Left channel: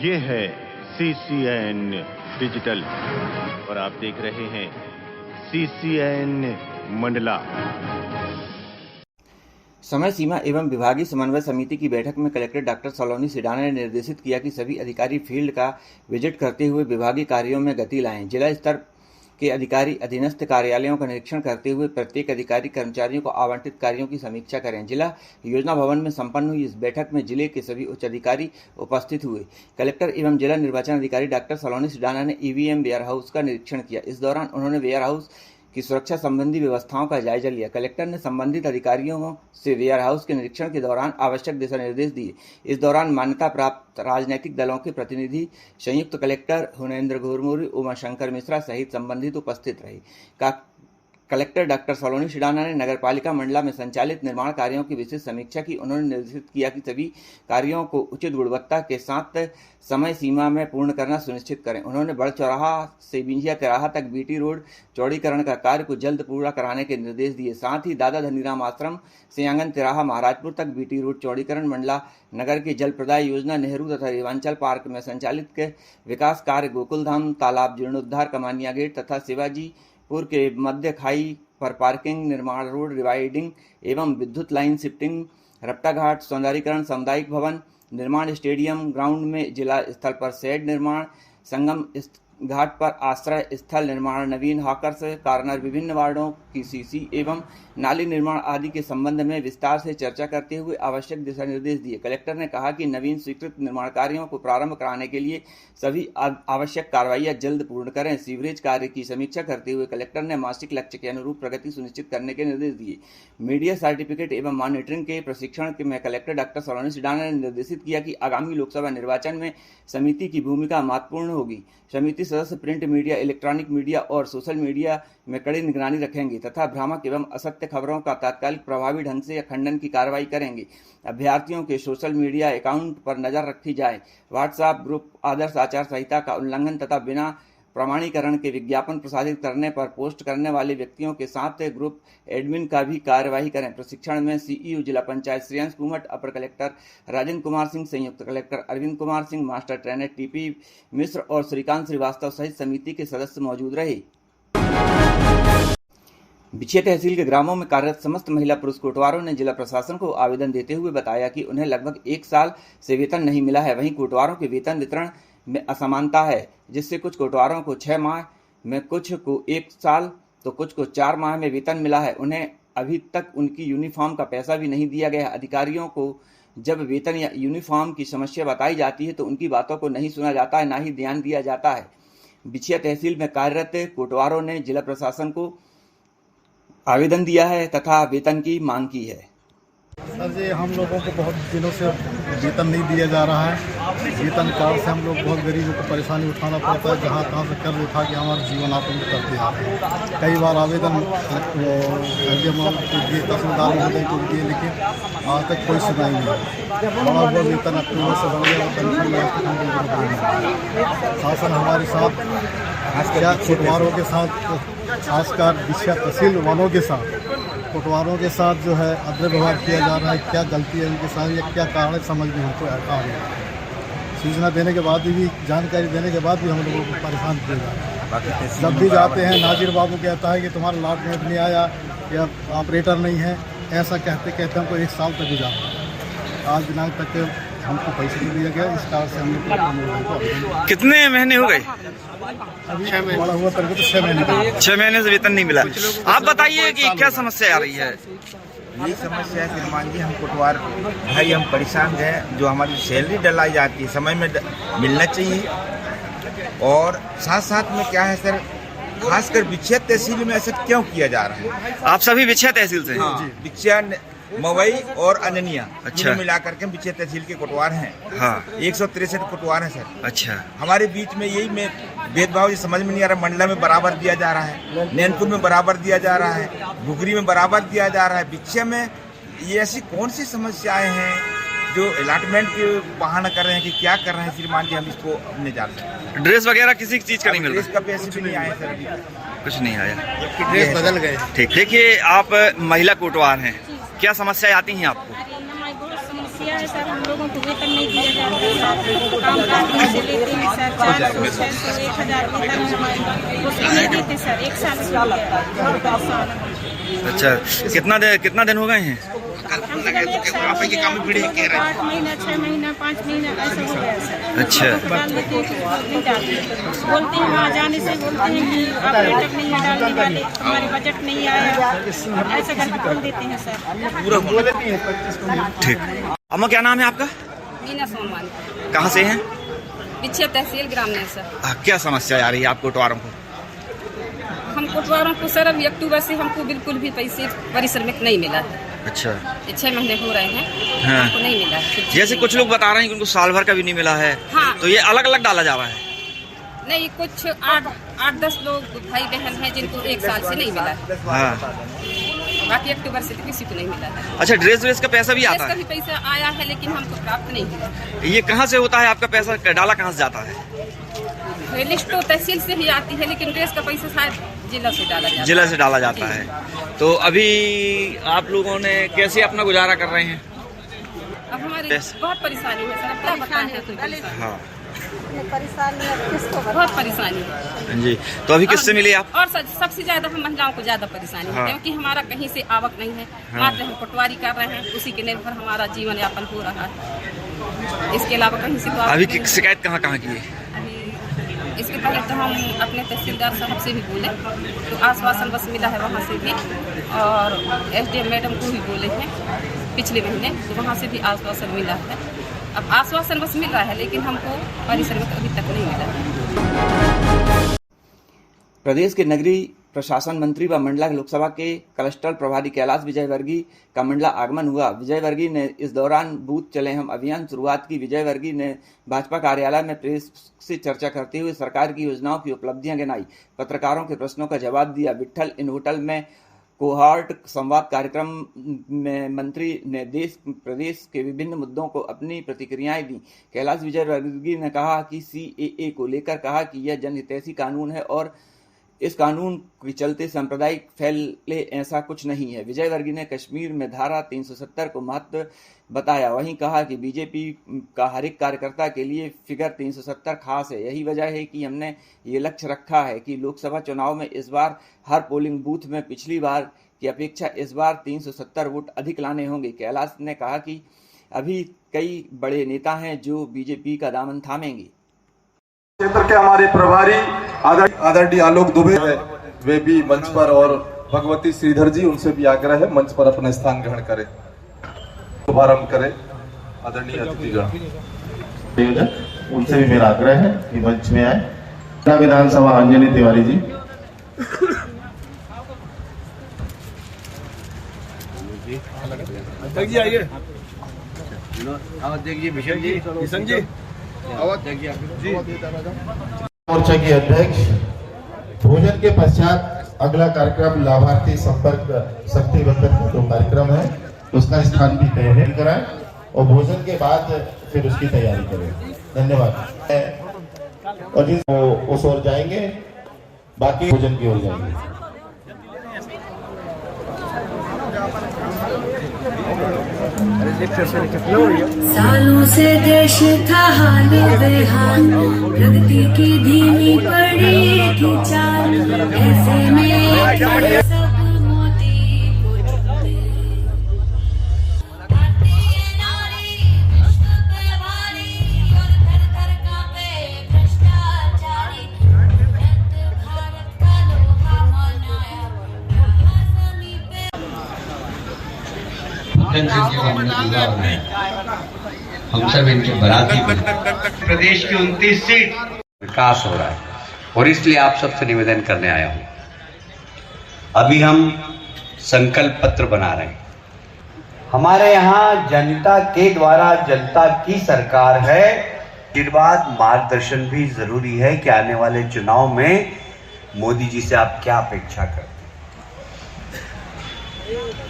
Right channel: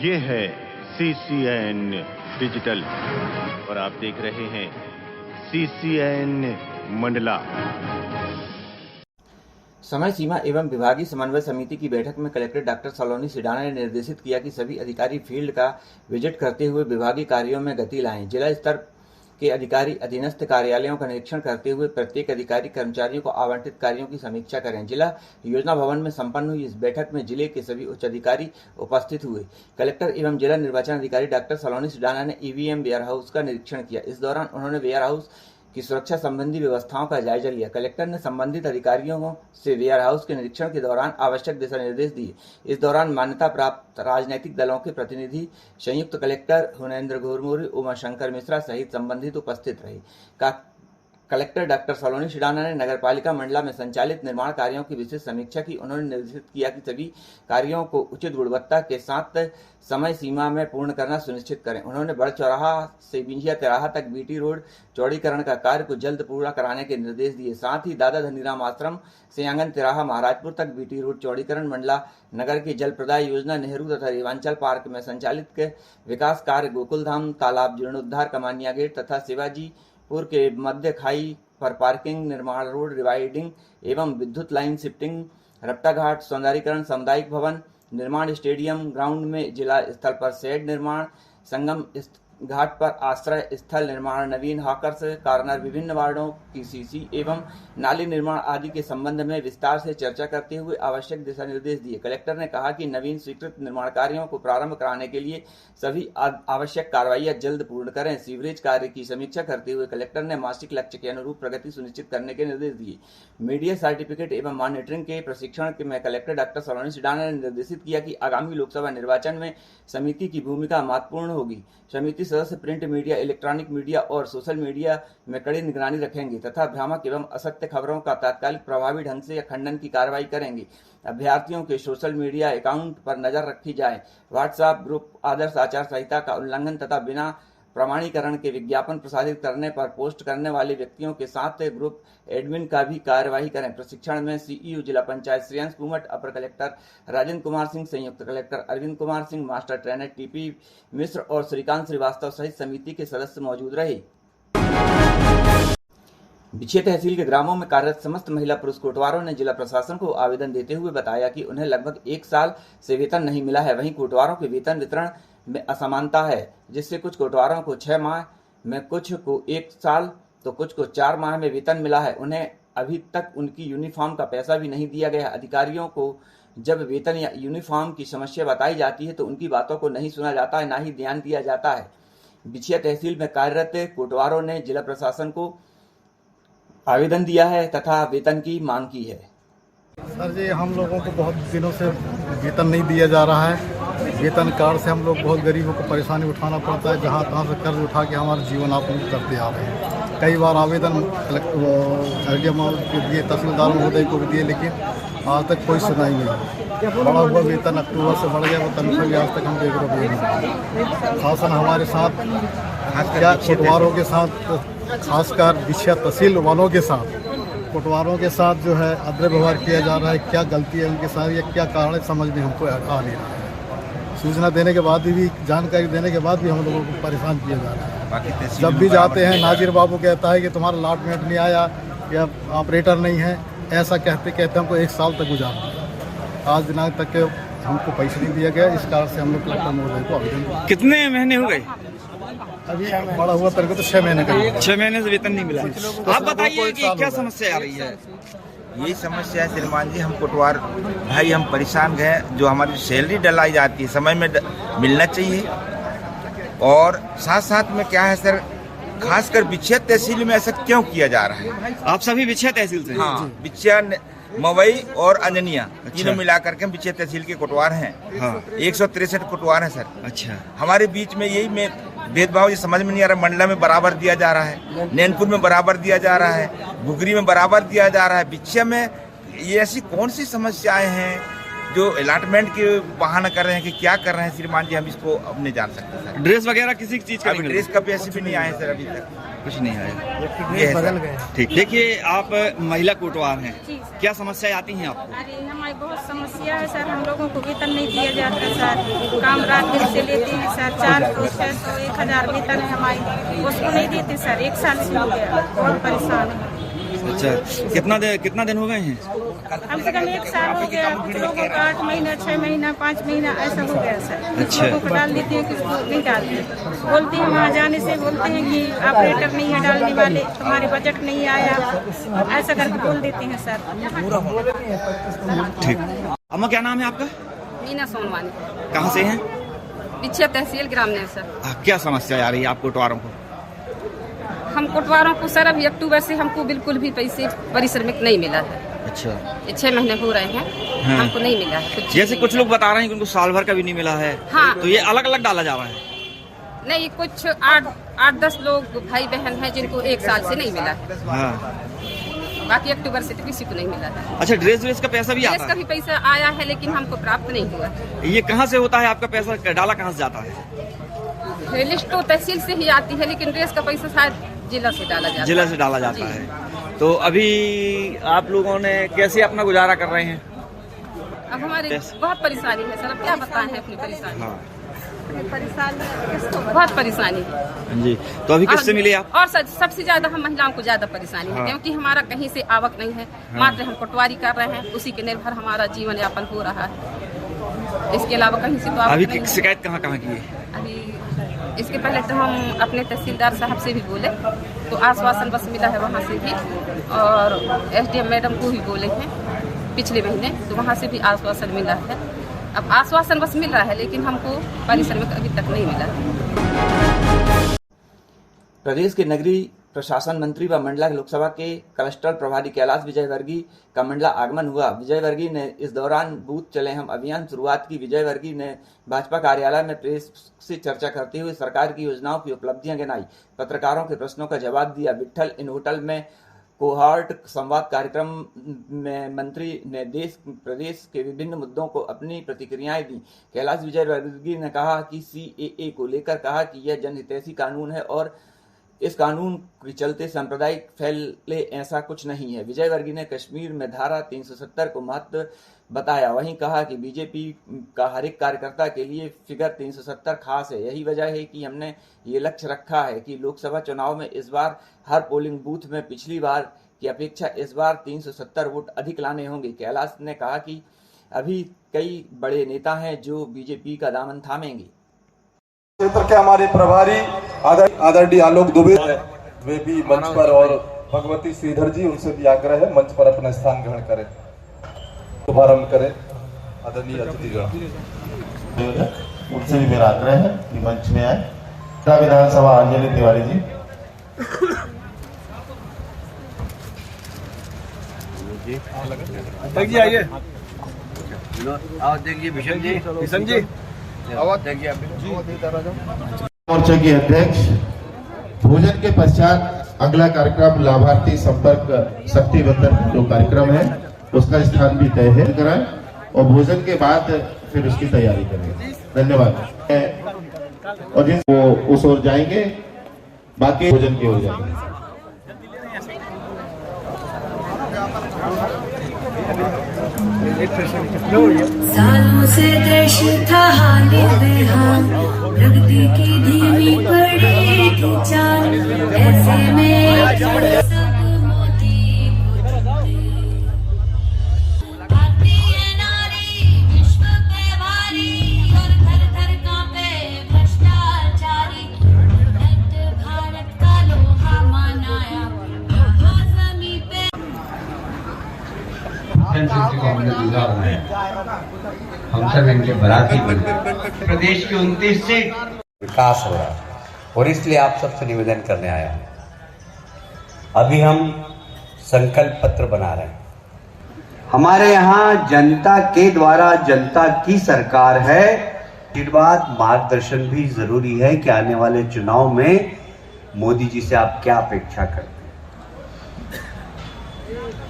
ये है CCN digital और आप देख रहे हैं CCN मंडला। समय सीमा एवं विभागीय समन्वय समिति की बैठक में कलेक्टर डॉक्टर सलोनी सिडाना ने निर्देशित किया कि सभी अधिकारी फील्ड का विजिट करते हुए विभागीय कार्यों में गति लाएं। जिला स्तर के अधिकारी अधीनस्थ कार्यालयों का निरीक्षण करते हुए प्रत्येक अधिकारी कर्मचारियों को आवंटित कार्यों की समीक्षा करें। जिला योजना भवन में संपन्न हुई इस बैठक में जिले के सभी उच्च अधिकारी उपस्थित हुए। कलेक्टर एवं जिला निर्वाचन अधिकारी डॉक्टर सलोनी सिडाना ने EVM वेयर हाउस का निरीक्षण किया। इस दौरान उन्होंने वेयर हाउस की सुरक्षा संबंधी व्यवस्थाओं का जायजा लिया। कलेक्टर ने संबंधित अधिकारियों से वेयर हाउस के निरीक्षण के दौरान आवश्यक दिशा निर्देश दिए। इस दौरान मान्यता प्राप्त राजनीतिक दलों के प्रतिनिधि, संयुक्त कलेक्टर हुनेंद्र घुरमुरी, उमाशंकर मिश्रा सहित संबंधित उपस्थित रहे। कलेक्टर डॉक्टर सलोनी सिडाना ने नगरपालिका मंडला में संचालित निर्माण कार्यों की विशेष समीक्षा की। उन्होंने निर्देशित किया कि सभी कार्यों को उचित गुणवत्ता के साथ समय सीमा में पूर्ण करना सुनिश्चित करें। उन्होंने बड़ चौराहा से बिंजिया तिराहा तक BT रोड चौड़ीकरण का कार्य को जल्द पूरा कराने के निर्देश दिए। साथ ही दादा धनीराम आश्रम से आंगन तिराहा महाराजपुर तक BT रोड चौड़ीकरण, मंडला नगर की जल प्रदाय योजना, नेहरू तथा रेवांचल पार्क में संचालित विकास कार्य, गोकुल धाम तालाब जीर्णोद्धार, कमानिया गेट तथा शिवाजीपुर के मध्य खाई पर पार्किंग निर्माण, रोड रिवाइडिंग एवं विद्युत लाइन शिफ्टिंग, रपटा घाट सौंदर्यीकरण, सामुदायिक भवन निर्माण, स्टेडियम ग्राउंड में जिला स्थल पर शेड निर्माण, संगम घाट पर आश्रय स्थल निर्माण, नवीन हॉकर्स कॉर्नर, विभिन्न वार्डों की CC एवं नाली निर्माण आदि के संबंध में विस्तार से चर्चा करते हुए आवश्यक दिशा निर्देश दिए। कलेक्टर ने कहा कि नवीन स्वीकृत निर्माण कार्यों को प्रारंभ कराने के लिए सभी आवश्यक कार्रवाइयां जल्द पूर्ण करें। सीवरेज कार्य की समीक्षा करते हुए कलेक्टर ने मासिक लक्ष्य के अनुरूप प्रगति सुनिश्चित करने के निर्देश दिए। मीडिया सर्टिफिकेट एवं मॉनिटरिंग के प्रशिक्षण में कलेक्टर डॉक्टर सलोनी सिडाना ने निर्देशित किया कि आगामी लोकसभा निर्वाचन में समिति की भूमिका महत्वपूर्ण होगी। समिति सदस्य प्रिंट मीडिया, इलेक्ट्रॉनिक मीडिया और सोशल मीडिया में कड़ी निगरानी रखेंगे तथा भ्रामक एवं असत्य खबरों का तात्कालिक प्रभावी ढंग से खंडन की कार्रवाई करेंगे। अभ्यर्थियों के सोशल मीडिया अकाउंट पर नजर रखी जाए। व्हाट्सएप ग्रुप आदर्श आचार संहिता का उल्लंघन तथा बिना प्रमाणीकरण के विज्ञापन प्रसारित करने पर पोस्ट करने वाले व्यक्तियों के साथ ग्रुप एडमिन का भी कार्यवाही करें। प्रशिक्षण में CEO जिला पंचायत श्रेयांश कुमट, अपर कलेक्टर राजेंद्र कुमार सिंह, संयुक्त collector Arvind Kumar Singh, master trainer TP Mishra और श्रीकांत श्रीवास्तव सहित समिति के सदस्य मौजूद रहे। बिछिया तहसील के ग्रामों में कार्यरत समस्त महिला पुरुष कोटवारों ने जिला प्रशासन को आवेदन देते हुए बताया कि उन्हें लगभग 1 साल से वेतन नहीं मिला है। वहीं कोटवारों के वेतन वितरण में असमानता है, जिससे कुछ कोटवारों को 6 माह में, कुछ को 1 साल तो कुछ को 4 माह में वेतन मिला है। उन्हें अभी तक उनकी यूनिफॉर्म का पैसा भी नहीं दिया गया। अधिकारियों को जब वेतन या यूनिफॉर्म की समस्या बताई जाती है तो उनकी बातों को नहीं सुना जाता है, ना ही ध्यान दिया जाता है। बिछिया तहसील में कार्यरत कोटवारों ने जिला प्रशासन को आवेदन दिया है तथा वेतन की मांग की है। सर जी, हम लोगों को बहुत दिनों से वेतन नहीं दिया जा रहा है। वेतन कार्ड से हम लोग बहुत गरीबों को परेशानी उठाना पड़ता है। जहाँ तहाँ से कर्ज उठा के हमारे जीवन यापन करते आ रहे हैं। कई बार आवेदन एसडीएम को दिए, तहसीलदार महोदय को भी दिए, लेकिन आज तक कोई सुनाई नहीं हुई। बढ़ा हुआ वेतन अक्टूबर से बढ़ गया, वो तनख्वाह भी आज तक हम 1 रुपये नहीं। शासन हमारे साथ, क्या कोटवारों के साथ, खासकर बिछिया तहसील वालों के साथ, कोटवारों के साथ जो है अद्र व्यवहार किया जा रहा है। क्या गलती है उनके साथ या क्या कारण है समझ में हमको आ रही है। सूचना देने के बाद भी, जानकारी देने के बाद भी हम लोगों को परेशान किया जा रहा है। जब भी जाते हैं नाजिर बाबू कहता है कि तुम्हारा अलॉटमेंट नहीं आया या ऑपरेटर नहीं है, ऐसा कहते कहते हमको 1 साल तक गुजारा। आज दिनांक तक हमको पैसे नहीं दिया गया। इस कारण से हम लोग कलेक्टर महोदय को आवेदन। कितने महीने हो गए? अभी बड़ा हुआ तरीके तो 6 महीने का। 6 महीने से वेतन नहीं मिला। आप बताइए कि क्या समस्या आ रही है? यही समस्या है श्रीमान जी। हम कोटवार भाई हम परेशान गए। जो हमारी सैलरी डलाई जाती है समय में मिलना चाहिए। और साथ साथ में क्या है सर, खासकर बिछिया तहसील में ऐसा क्यों किया जा रहा है? आप सभी बिछिया तहसील से? हाँ, बिछिया, मवई और अंजनिया, इन्हें मिला करके बिछिया तहसील के कोटवार हैं। हाँ, 163 कोटवार हैं सर। अच्छा, हमारे बीच में यही में भेदभाव समझ में नहीं आ रहा। मंडला में बराबर दिया जा रहा है, नैनपुर में बराबर दिया जा रहा है, घुघरी में बराबर दिया जा रहा है। बिछिया में ये ऐसी कौन सी समस्याएं हैं जो अलॉटमेंट के बहाना कर रहे हैं कि क्या कर रहे हैं श्रीमान जी, हम इसको अब नहीं जान सकते। ड्रेस वगैरह किसी चीज का नहीं मिल रहा? ड्रेस का पैसे भी नहीं आए सर, अभी तक कुछ नहीं आया। ड्रेस बदल गए। ठीक, देखिए आप महिला कोटवार हैं, क्या समस्याएं आती हैं आपको? अरे हमारी बहुत समस्या समस्या है सर, हम लोगों को वेतन नहीं दिया जाता सर। काम रात दिन से लेते हैं सर, 400, 600, 1000 वेतन है हमारी, उसको नहीं देते सर। 1 साल से हो गया, बहुत परेशान है। अच्छा, कितना दिन हो गए हैं? कम से कम 1 साल हो गया। कुछ लोगों को 8 महीना, 6 महीना, 5 महीना ऐसा हो गया सर। अच्छा। लोगों को डाल देते हैं, किसी को नहीं डालते। बोलते हैं वहाँ जाने से, बोलते हैं कि ऑपरेटर नहीं है डालने वाले, तुम्हारे बजट नहीं आया, ऐसा करके बोल देते हैं सर। ठीक। अम्मा क्या नाम है आपका? मीना सोनवानी। कहाँ से हैं? बिछिया तहसील ग्राम ने सर। क्या समस्या आ रही है आपको कोटवारों को? हम कोटवारों को सर अभी अक्टूबर से हमको बिल्कुल भी पैसे परिश्रमिक नहीं मिला है। अच्छा। 6 महीने हो रहे हैं, हाँ। हमको नहीं मिला है। जैसे कुछ लोग बता रहे हैं कि उनको साल भर का भी नहीं मिला है। हाँ। तो ये अलग अलग डाला जा रहा है? नहीं, कुछ 8-10 लोग भाई बहन हैं जिनको 1 साल से नहीं मिला है। हाँ। बाकी अक्टूबर से तो किसी को नहीं मिला है। अच्छा, ड्रेस का पैसा भी आता इसका है? भी पैसा आया है लेकिन हमको प्राप्त नहीं हुआ। ये कहाँ से होता है आपका पैसा? डाला कहाँ से जाता है? लिस्ट तो तहसील से ही आती है, लेकिन ड्रेस का पैसा शायद जिला से डाला जाता है। जिला से डाला जाता जी। है। तो अभी आप लोगों ने कैसे अपना गुजारा कर रहे हैं? अब हमारी बहुत परेशानी है सर, अब क्या बताएं हैं अपनी परेशानी। हाँ बहुत परेशानी है जी। तो अभी किससे मिले आप? और सबसे ज्यादा हम महिलाओं को ज्यादा परेशानी हाँ। है, क्योंकि हमारा कहीं से आवक नहीं है। हाँ। मात्र हम पटवारी कर रहे हैं, उसी के निर्भर हमारा जीवन यापन हो रहा है। इसके अलावा कहीं से तो आवक अभी नहीं है। शिकायत कहाँ की है? अभी इसके पहले तो हम अपने तहसीलदार साहब से भी बोले, तो आश्वासन बस मिला है वहाँ से भी, और SDM मैडम को भी बोले हैं पिछले महीने, तो वहाँ से भी आश्वासन मिला है। अब आश्वासन बस मिल रहा है, लेकिन हमको परिश्रमिक अभी तक नहीं मिला है। प्रदेश के नगरीय प्रशासन मंत्री व मंडला लोकसभा के क्लस्टर प्रभारी कैलाश विजयवर्गीय का मंडला आगमन हुआ। विजयवर्गीय ने इस दौरान बूथ चले हम अभियान शुरुआत की। विजयवर्गीय ने भाजपा कार्यालय में प्रेस से चर्चा करते हुए सरकार की योजनाओं की उपलब्धियां गिनाई, पत्रकारों के प्रश्नों का जवाब दिया। विट्ठल इन होटल में कोहार्ट संवाद कार्यक्रम में मंत्री ने देश प्रदेश के विभिन्न मुद्दों को अपनी प्रतिक्रियाएं दी। कैलाश विजयवर्गीय ने कहा कि CAA को लेकर कहा कि यह जनहितैषी कानून है और इस कानून के चलते सांप्रदायिक फैले, ऐसा कुछ नहीं है। विजयवर्गीय ने कश्मीर में धारा 370 को महत्व बताया। वहीं कहा कि बीजेपी का हर एक कार्यकर्ता के लिए फिगर 370 खास है। यही वजह है कि हमने ये लक्ष्य रखा है कि लोकसभा चुनाव में इस बार हर पोलिंग बूथ में पिछली बार की अपेक्षा इस बार 370 वोट अधिक लाने होंगे। कैलाश ने कहा कि अभी कई बड़े नेता हैं जो बीजेपी का दामन थामेंगे। क्षेत्र के हमारे प्रभारी आदरणीय आलोक दुबे वे भी मंच पर, और भगवती श्रीधर जी, उनसे भी आग्रह है मंच पर अपना स्थान ग्रहण करें, शुभारंभ करें। आदरणीय अतिथिगण, उनसे भी मेरा आग्रह है कि मंच में आए। विधानसभा अंजलि तिवारी जी। देखिए आइए, आओ देखिए भीषण जी मोर्चा के अध्यक्ष। भोजन के पश्चात अगला कार्यक्रम लाभार्थी संपर्क शक्ति बंधन जो कार्यक्रम है उसका स्थान भी तय है कराएं, और भोजन के बाद फिर उसकी तैयारी करें। धन्यवाद। और जिस वो उस ओर जाएंगे, बाकी भोजन की ओर जाएंगे। सालों से देश था हाले बेहाल, प्रगति की धीमी पड़ी थी चाल, ऐसे में सब होती आती है नारी विश्व पे वारी, और घर घर कांपे भ्रष्टाचारी। भारत का लोहा मनाया जमी पे। हम सब इनके बराती बनते। प्रदेश की 29 सीट विकास हो रहा है, और इसलिए आप सबसे निवेदन करने आया हूं। अभी हम संकल्प पत्र बना रहे हैं। हमारे यहाँ जनता के द्वारा जनता की सरकार है। आशीर्वाद मार्गदर्शन भी जरूरी है कि आने वाले चुनाव में मोदी जी से आप क्या अपेक्षा करते हैं।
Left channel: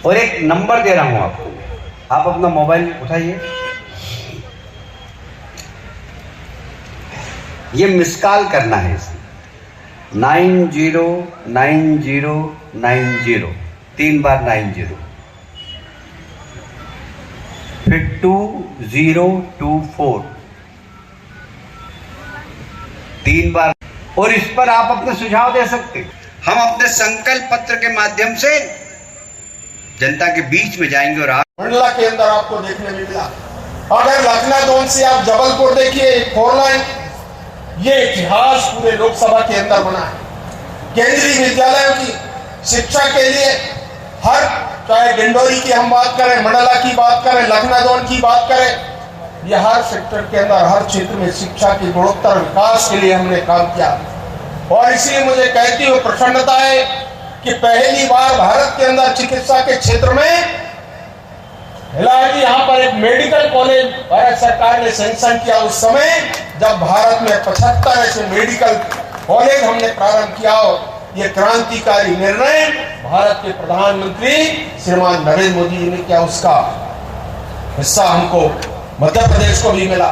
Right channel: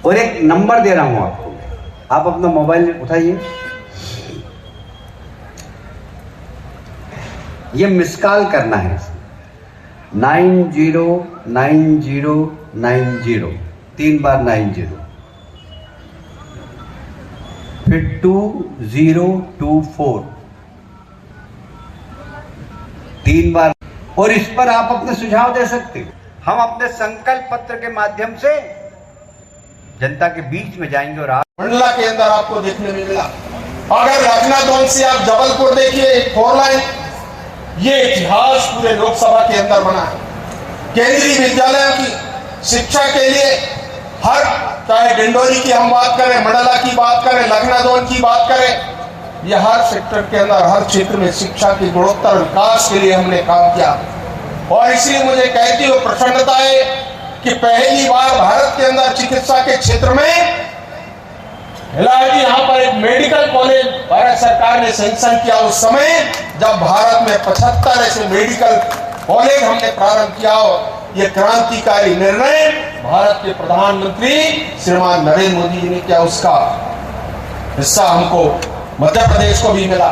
और एक नंबर दे रहा हूं आपको, आप अपना मोबाइल उठाइए, ये मिस कॉल करना है। 909090, 3 बार 90। फिर 2024 3 बार, और इस पर आप अपने सुझाव दे सकते हैं। हम अपने संकल्प पत्र के माध्यम से जनता के बीच में जाएंगे। और आप मंडला के अंदर आपको देखने में मिला, अगर लखनऊ से आप जबलपुर देखिए 4 लाइन, ये इतिहास पूरे लोकसभा के अंदर बना है। केंद्रीय विद्यालयों की शिक्षा के लिए हर, चाहे डिंडोरी की हम बात करें, मंडला की बात करें, लखनऊ की बात करें, ये हर सेक्टर के अंदर हर क्षेत्र में शिक्षा की गुणवत्ता विकास के लिए हमने काम किया। और इसलिए मुझे कहती हुई प्रसन्नता है कि पहली बार भारत के अंदर चिकित्सा के क्षेत्र में यहाँ पर एक मेडिकल कॉलेज भारत सरकार ने सैंक्शन किया। उस समय जब भारत में 75 ऐसे मेडिकल कॉलेज हमने प्रारंभ किया, और ये क्रांतिकारी निर्णय भारत के प्रधानमंत्री श्रीमान नरेंद्र मोदी ने किया, उसका हिस्सा हमको मध्य प्रदेश को भी मिला।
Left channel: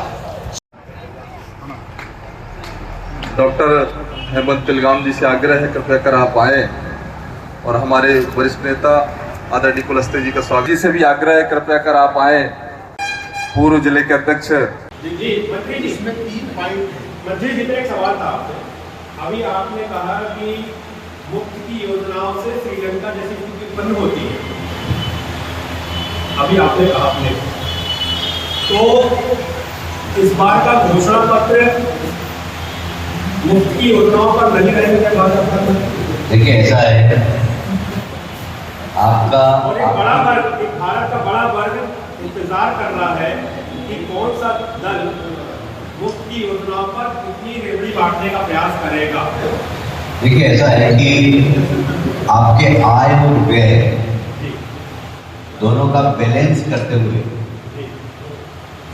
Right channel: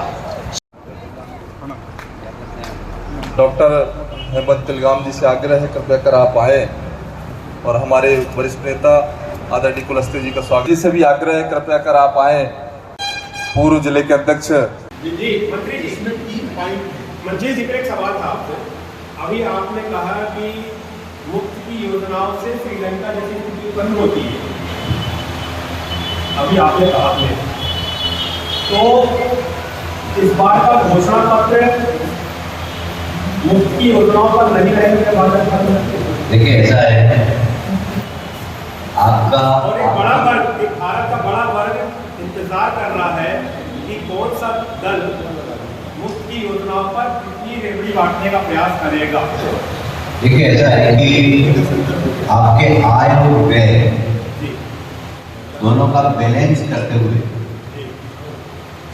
डॉक्टर हेमंत तिलगाम जी से आग्रह है कृपया कर आप आए और हमारे वरिष्ठ नेता आदरणीय कुलस्ते जी का स्वागत से भी आग्रह है कृपया कर आप आए। पूर्व जिले के अध्यक्ष जी मंत्री जी, इसमें 3 पॉइंट मंत्री जी का एक सवाल था। अभी आपने कहा कि मुफ्त की योजनाओं से श्रीलंका जैसी स्थिति उत्पन्न होती है, अभी आपने कहा आपने, तो इस बार का घोषणा पत्र मुफ्त की योजनाओं पर नहीं रहेंगे क्या बात करना? देखिए ऐसा है आपका, और एक भारत का बड़ा वर्ग इंतजार कर रहा है कि कौन सा दल मुफ्त की योजनाओं पर कितनी रेवड़ी बांटने का प्रयास करेगा। देखिए ऐसा है कि आपके आय और व्यय दोनों का बैलेंस करते हुए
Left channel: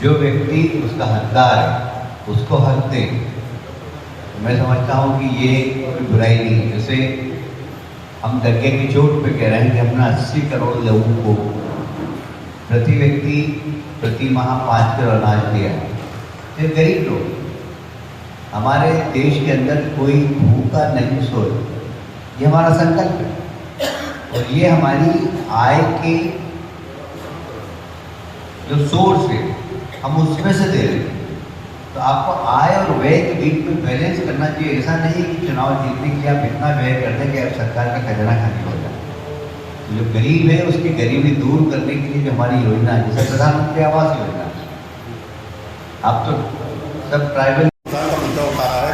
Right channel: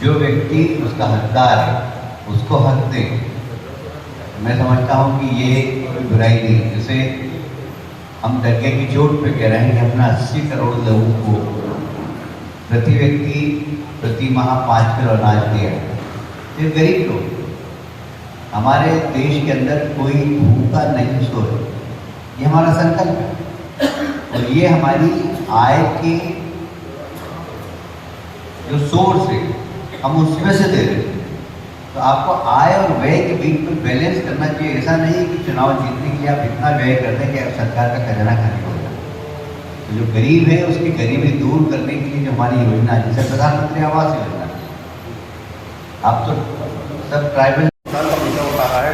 जो व्यक्ति उसका हकदार है उसको हक दे। मैं समझता हूँ कि ये कोई बुराई नहीं। जैसे हम डगे की चोट पे कह रहे हैं कि हमने 80 करोड़ लोगों को प्रति व्यक्ति प्रति माह 5 किलो अनाज दिया है। ये गरीब लोग, हमारे देश के अंदर कोई भूखा नहीं सो, ये हमारा संकल्प है। और ये हमारी आय के जो सोर्स है हम उसमें से दे रहे हैं। तो आपको आय और व्यय के बीच में बैलेंस करना चाहिए। ऐसा नहीं है कि चुनाव जीतने के लिए आप इतना व्यय कर दें कि सरकार का खजाना खाली हो जाए। तो जो गरीब है उसकी गरीबी दूर करने के लिए जो हमारी योजना है, जैसे प्रधानमंत्री आवास योजना, आप तो सब ट्राइबल।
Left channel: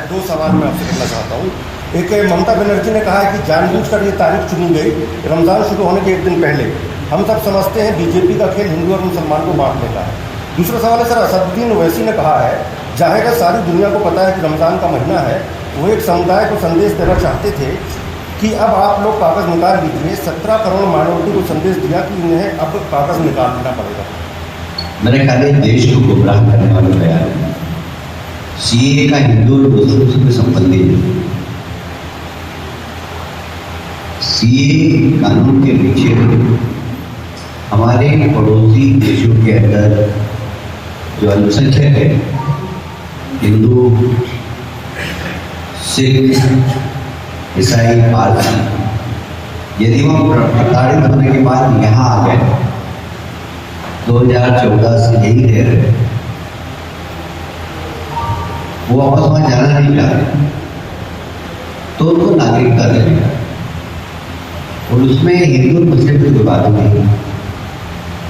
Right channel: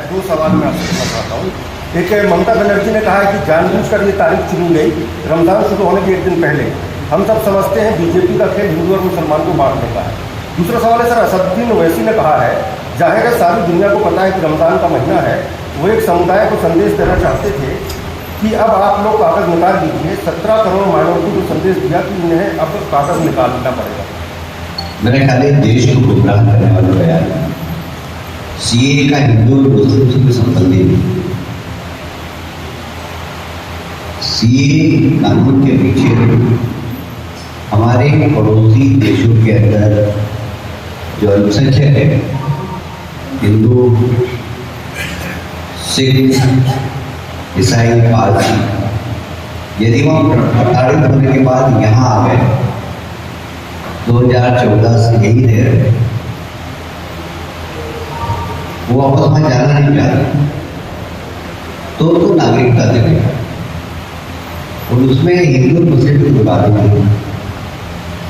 2 सवाल मैं आपसे करना चाहता हूँ। एक, ममता बनर्जी ने कहा है कि जानबूझकर ये तारीख चुनी गई रमजान शुरू होने के 1 दिन पहले। हम सब समझते हैं बीजेपी का खेल हिंदू और मुसलमान को बांटने का है। दूसरा सवाल है सर, असदुद्दीन ओवैसी ने कहा है, जाहिर है सारी दुनिया को पता है कि रमजान का महीना है, वो एक समुदाय को संदेश देना चाहते थे कि अब आप लोग कागज निकाल लीजिए। 17 करोड़ मानवों को संदेश दिया कि उन्हें अब कागज निकालना पड़ेगा। मैंने कहा देश को गुमराह करने वाला बयान है। सीए का हिंदू और मुस्लिम से संबंध नहीं। सीए कानून के पीछे हमारे पड़ोसी देशों के अंदर जो अल्पसंख्यक है, हिंदू, सिख, ईसाई, पारसी, यदि हम प्रताड़ित होने के बाद यहाँ आ गए 2014 से यही रह रहे, वो वापस वहां जाना नहीं चाहते, तो नागरिकता देने का। और उसमें हिंदू मुस्लिम की कोई बात नहीं,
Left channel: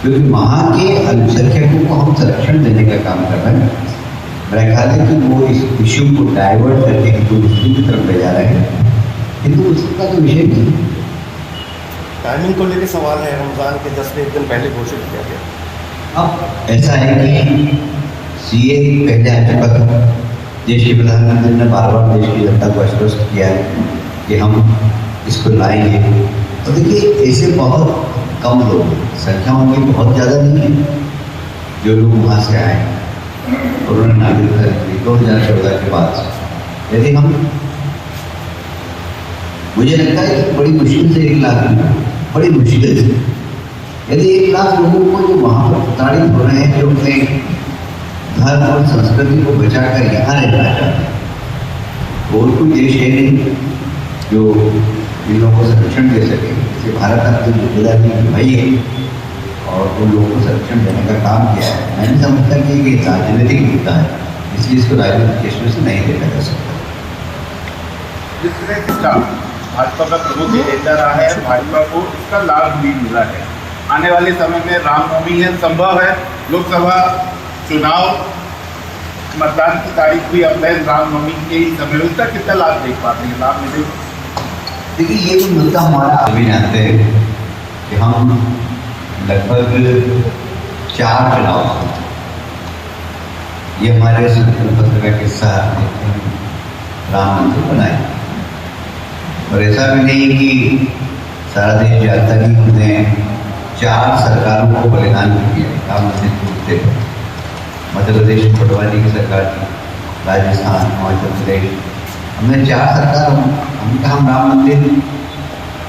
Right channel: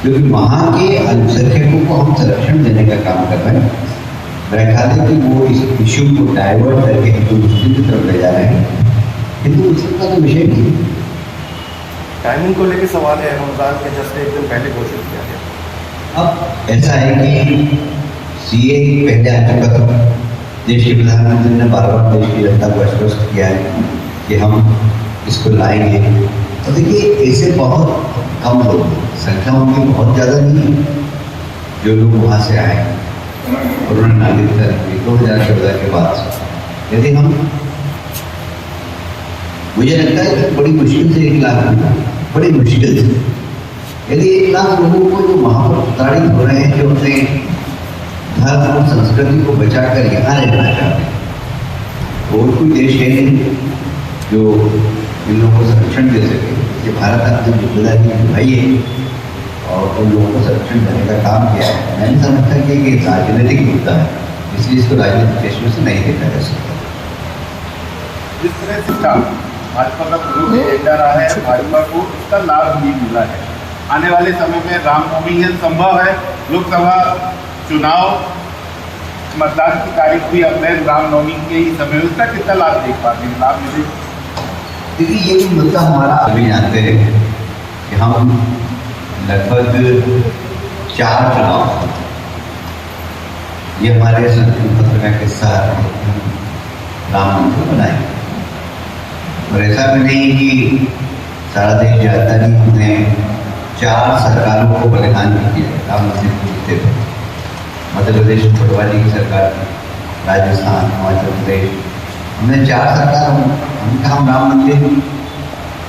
क्योंकि वहां के अल्पसंख्यकों को हम संरक्षण देने का काम कर रहे हैं। मेरा ख्याल है कि वो इस इश्यू को डाइवर्ट करके हिंदू मुस्लिम की तरफ ले जा रहे हैं। हिंदू मुस्लिम का तो विषय नहीं। टाइमिंग को लेकर सवाल है, रमजान के 10 से 1 दिन पहले घोषित किया गया। अब ऐसा है कि सीए पहले अंतर्गत देश के प्रधानमंत्री ने बार-बार देश की जनता को आश्वस्त किया है कि हम इसको लाएंगे। और देखिए ऐसे बहुत कम लोग, संख्या उनकी बहुत ज़्यादा नहीं है, जो लोग वहाँ से आए और उन्होंने नागरिकता ली 2014 के बाद। यदि हम, मुझे लगता है कि बड़ी मुश्किल से 1 लाख, बड़ी मुश्किल से, यदि 1 लाख लोगों को जो वहाँ पर प्रताड़ित हो रहे हैं, जो अपने धर्म और संस्कृति को बचाकर यहाँ रहना चाहते हैं, और कोई देश है नहीं जो इन लोगों को संरक्षण दे सके। इसलिए भारत अपनी जिम्मेदारी निभाई है और उन लोगों को संरक्षण देने का काम किया है। मैं नहीं समझता कि ये राजनीतिक मुद्दा है, इसलिए इसको राजनीतिक दृष्टि से नहीं देखा जा सकता। जिस तरह शिक्षा भाजपा का प्रमुख एजेंडा रहा है, भाजपा को इसका लाभ भी मिल रहा है। आने वाले समय में रामनवमी है, संभव है लोकसभा चुनाव मतदान की तारीख भी अपने रामनवमी के ही समय में, इसका कितना लाभ देख पाते हैं? लाभ मिले? देखिए, ये जो मुद्दा हमारा अभी जानते हैं कि हम लगभग 4 चुनाव, ये हमारे संकल्प पत्र का किस्सा राम मंदिर बनाए, और ऐसा भी नहीं कि सारा देश जानता नहीं, हमने 4 सरकारों को बलिदान किया राम मंदिर जीतते थे। मध्य प्रदेश पटवारी की सरकार थी, राजस्थान, हिमाचल प्रदेश, हमने 4 सरकार, हम राम मंदिर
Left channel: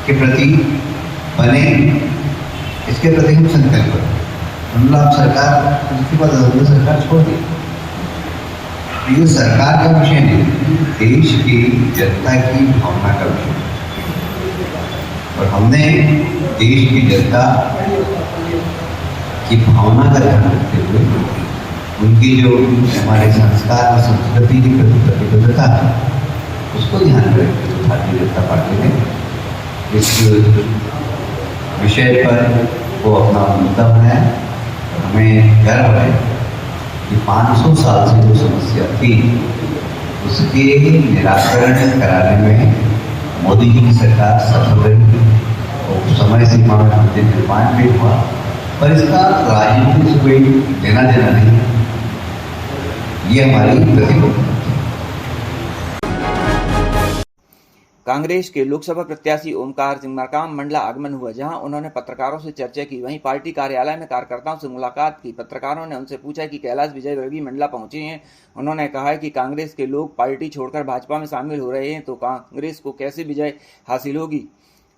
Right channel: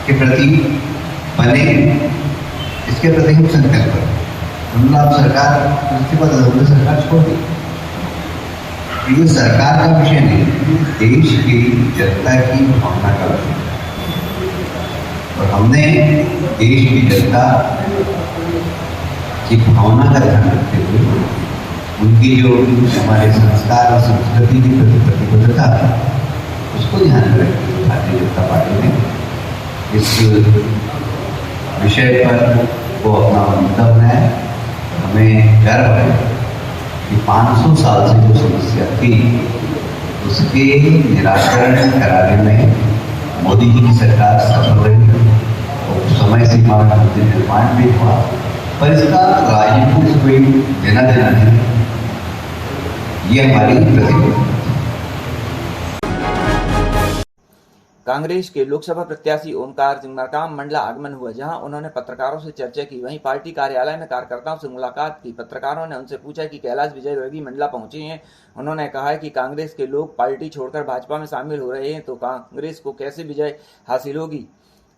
के प्रति बने, इसके प्रति हम संकल्प करो। उन्होंने आप सरकार, उसके बाद उन्होंने सरकार छोड़ दी। ये सरकार का विषय नहीं, देश की जनता की भावना का विषय, और हमने देश की जनता की भावना का ध्यान रखते हुए उनकी जो हमारे संस्कार और संस्कृति की प्रति प्रतिबद्धता है, उसको ध्यान में रखते हुए भारतीय जनता पार्टी ने इस विषय पर वो अपना मुद्दा बनाया। हमें गर्व है कि 500 साल से जो समस्या थी, उसके निराकरण कराने में मोदी जी की सरकार सफल रही, और समय सीमा में मंदिर निर्माण भी हुआ, पर इसका राजनीति से कोई लेना देना नहीं, ये हमारी प्रतिबद्धता। कांग्रेस के लोकसभा प्रत्याशी ओमकार सिंह मरकाम मंडला आगमन हुआ, जहां उन्होंने पत्रकारों से चर्चा की। वहीं पार्टी कार्यालय में कार्यकर्ताओं से मुलाकात की। पत्रकारों ने उनसे पूछा कि कैलाश विजयवर्गीय मंडला पहुंचे हैं। उन्होंने कहा कि कांग्रेस के लोग पार्टी छोड़कर भाजपा में शामिल हो रहे हैं, तो कांग्रेस को कैसे विजय हासिल होगी।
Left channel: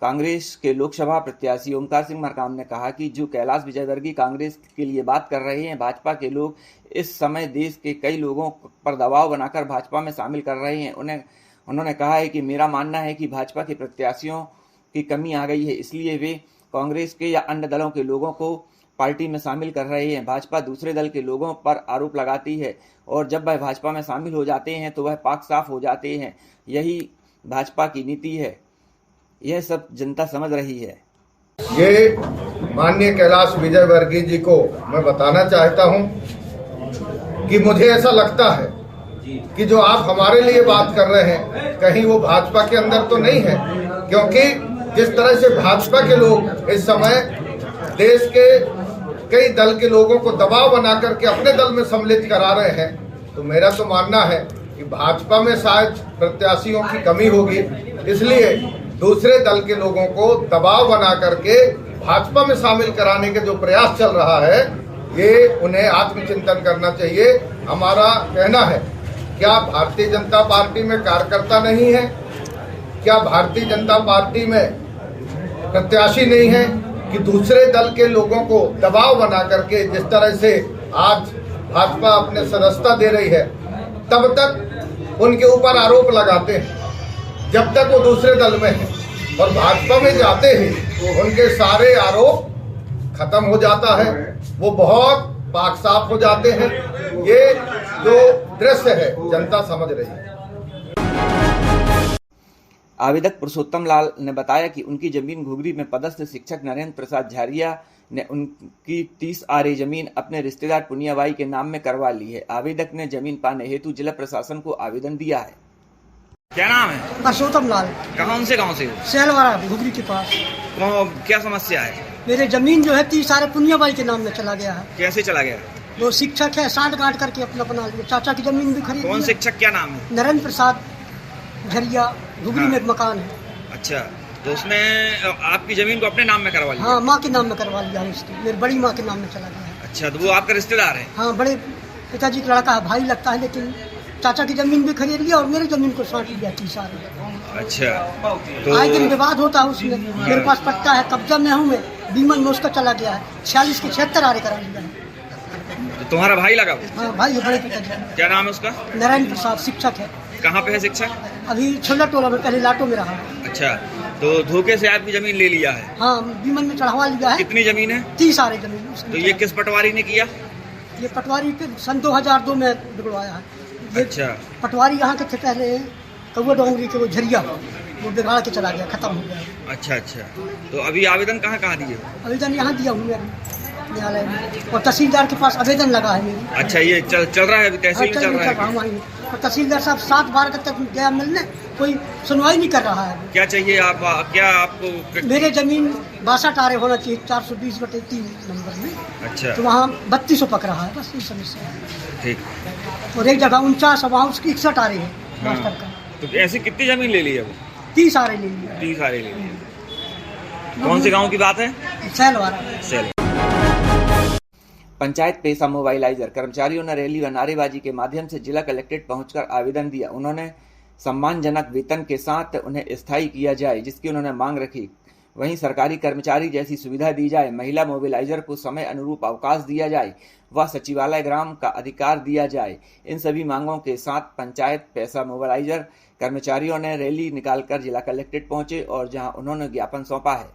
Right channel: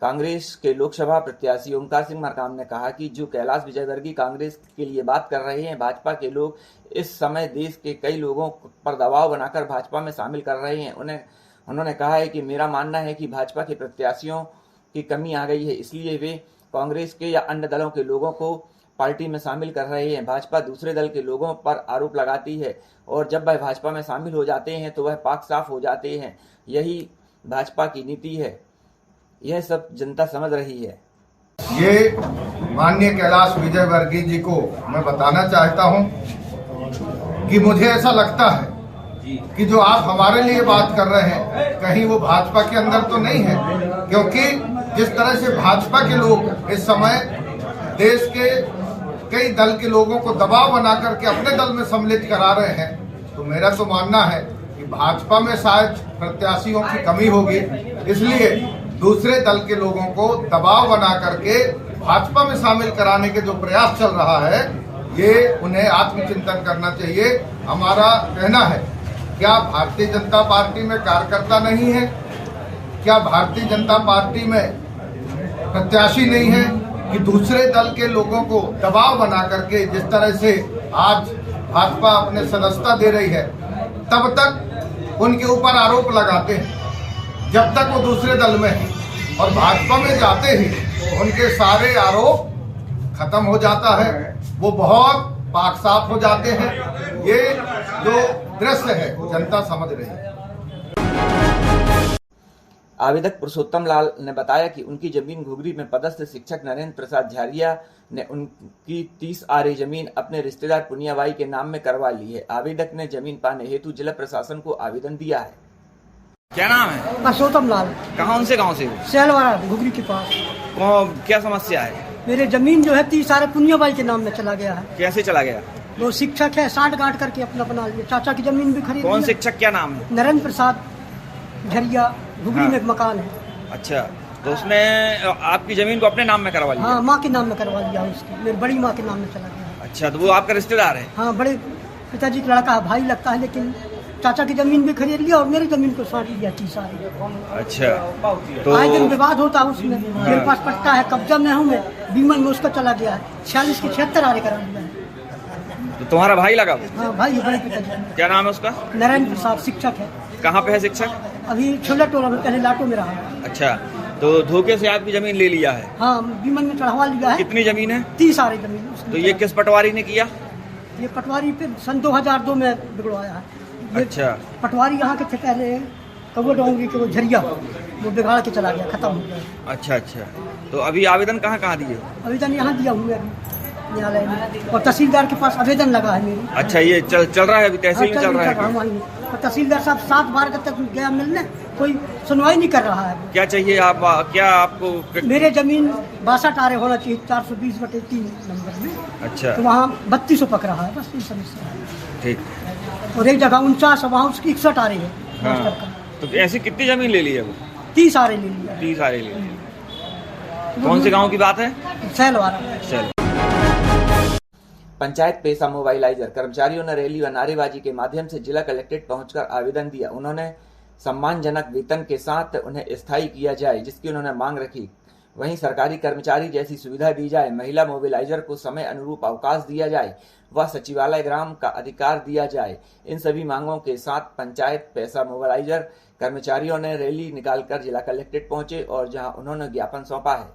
कांग्रेस के लोकसभा प्रत्याशी ओमकार सिंह मरकाम ने कहा कि जो कैलाश विजयवर्गीय कांग्रेस के लिए बात कर रहे हैं, भाजपा के लोग इस समय देश के कई लोगों पर दबाव बनाकर भाजपा में शामिल कर रहे हैं। उन्होंने कहा है कि मेरा मानना है कि भाजपा के प्रत्याशियों की कमी आ गई है, इसलिए वे कांग्रेस के या अन्य दलों के लोगों को पार्टी में शामिल कर रहे हैं। भाजपा दूसरे दल के लोगों पर आरोप लगाती है, और जब वह भाजपा में शामिल हो जाते हैं तो वह पाक साफ हो जाते हैं। यही भाजपा की नीति है, यह सब जनता समझ रही है। ये माननीय कैलाश विजयवर्गीय जी को मैं बताना चाहता हूं कि मुझे ऐसा लगता है कि जो आप हमारे लिए बात कर रहे हैं, कहीं वो भाजपा के अंदर तो नहीं है, क्योंकि जिस तरह से भाजपा के लोग इस समय देश के कई दल के लोगों को दबाव बना करके अपने दल में सम्मिलित करा रहे हैं, तो मेरा तो मानना है कि भाजपा में शायद प्रत्याशियों की कमी होगी, इसलिए दूसरे दल के लोगों को दबाव बना करके भाजपा में शामिल कराने के जो प्रयास चल रहा है, ये उन्हें आत्मचिंतन करना चाहिए। हमारा कहना है, क्या भारतीय जनता पार्टी में कार्यकर्ता नहीं है? क्या भारतीय जनता पार्टी में प्रत्याशी नहीं है कि दूसरे दल के लोगों को दबाव बना करके जिस तरह से आज भाजपा अपने सदस्यता दे रही है, तब तक उनके ऊपर आरोप लगाते हैं, जब तक वो दूसरे दल में है, और भाजपा में जाते ही उनके सारे आरोप खत्म हो जाता है, वो बहुत पाक साफ हो जाते हैं। ये जो दृश्य है जनता समझ रही है। आवेदक पुरुषोत्तम लाल ने बताया कि उनकी जमीन घुघरी में पदस्थ शिक्षक नरेंद्र प्रसाद झारिया ने उनकी 30 आरे जमीन अपने रिश्तेदार पुनियाबाई के नाम में करवा ली है। आवेदक ने जमीन पाने हेतु जिला प्रशासन को आवेदन दिया है। क्या नाम है? पुरुषोत्तम लाल। कहाँ से सैलवाड़ा घुघरी के पास। क्या समस्या है? मेरे जमीन जो है 30 आरे पुनियाबाई के नाम में चला गया है। कैसे चला गया? वो शिक्षक है, साठ गांठ करके अपना बना लिया। चाचा की जमीन भी खरीद। कौन शिक्षक, क्या नाम है? नरेंद्र प्रसाद झरिया, घुघरी में एक मकान है। अच्छा, तो उसने आपकी जमीन को अपने नाम में करवा लिया? हाँ, माँ के नाम में करवा लिया उसकी, मेरी बड़ी माँ के नाम में चला गया है। अच्छा, तो वो आपका रिश्तेदार है? हाँ, बड़े पिताजी का लड़का है, भाई लगता है, लेकिन चाचा की जमीन भी खरीद लिया और मेरी जमीन को साठ लिया 30 आरे। अच्छा, तो आए दिन विवाद होता है उसमें। मेरे पास पट्टा है, कब्जा में हूँ मैं, बीमन में उसका चला गया है। 46 के 76 आरे करा लिया है। तो तुम्हारा भाई लगा वो? हाँ, भाई बड़े पिताजी। क्या नाम है उसका? नरेंद्र प्रसाद, शिक्षक है। कहाँ पे है शिक्षक? अभी छोला टोला में, पहले लाटो में रहा है। अच्छा, तो धोखे से आपकी जमीन ले लिया है? हाँ, बीमन में चढ़ावा लिया है। कितनी जमीन है? 30 आरे जमीन। तो ये किस पटवारी ने किया? ये पटवारी फिर सन 2002 में बिगड़वाया है। अच्छा। पटवारी यहाँ के थे पहले, कौआ डोंगरी के वो झरिया, वो बिगाड़ के चला गया, खत्म हो गया। अच्छा अच्छा। तो अभी आवेदन कहाँ कहाँ दिए? आवेदन यहाँ दिया हूँ मैं अभी न्यायालय में, और तहसीलदार के पास आवेदन लगा है मेरी। अच्छा, ये चल रहा है अभी तहसील में चल रहा है? वहीं, और तहसीलदार साहब 7 बार तक गया मिलने, कोई सुनवाई नहीं कर रहा है। क्या चाहिए आप, क्या आपको? मेरे जमीन 62 आरे होना चाहिए 420/3 नंबर में। अच्छा। तो वहाँ 3200 पक रहा है, बस ये समस्या है। ठीक। और एक जगह 49 है, वहाँ उसकी 61 आरे है मास्टर का। तो ऐसी कितनी जमीन ले ली है वो? 30 आरे ले लिया। 30 आरे ले लिया। कौन से गांव की बात है? सैलवारा। पंचायत पेशा मोबाइलाइजर कर्मचारियों ने रैली व नारेबाजी के माध्यम से जिला कलेक्ट्रेट पहुंचकर आवेदन दिया। उन्होंने सम्मानजनक वेतन के साथ उन्हें स्थायी किया जाए, जिसकी उन्होंने मांग रखी। वहीं सरकारी कर्मचारी जैसी सुविधा दी जाए, महिला मोबिलाइजर को समय अनुरूप अवकाश दिया जाए व सचिवालय ग्राम का अधिकार दिया जाए। इन सभी मांगों के साथ पंचायत पैसा मोबिलाइजर कर्मचारियों ने रैली निकालकर जिला कलेक्ट्रेट पहुंचे और जहां उन्होंने ज्ञापन सौंपा है।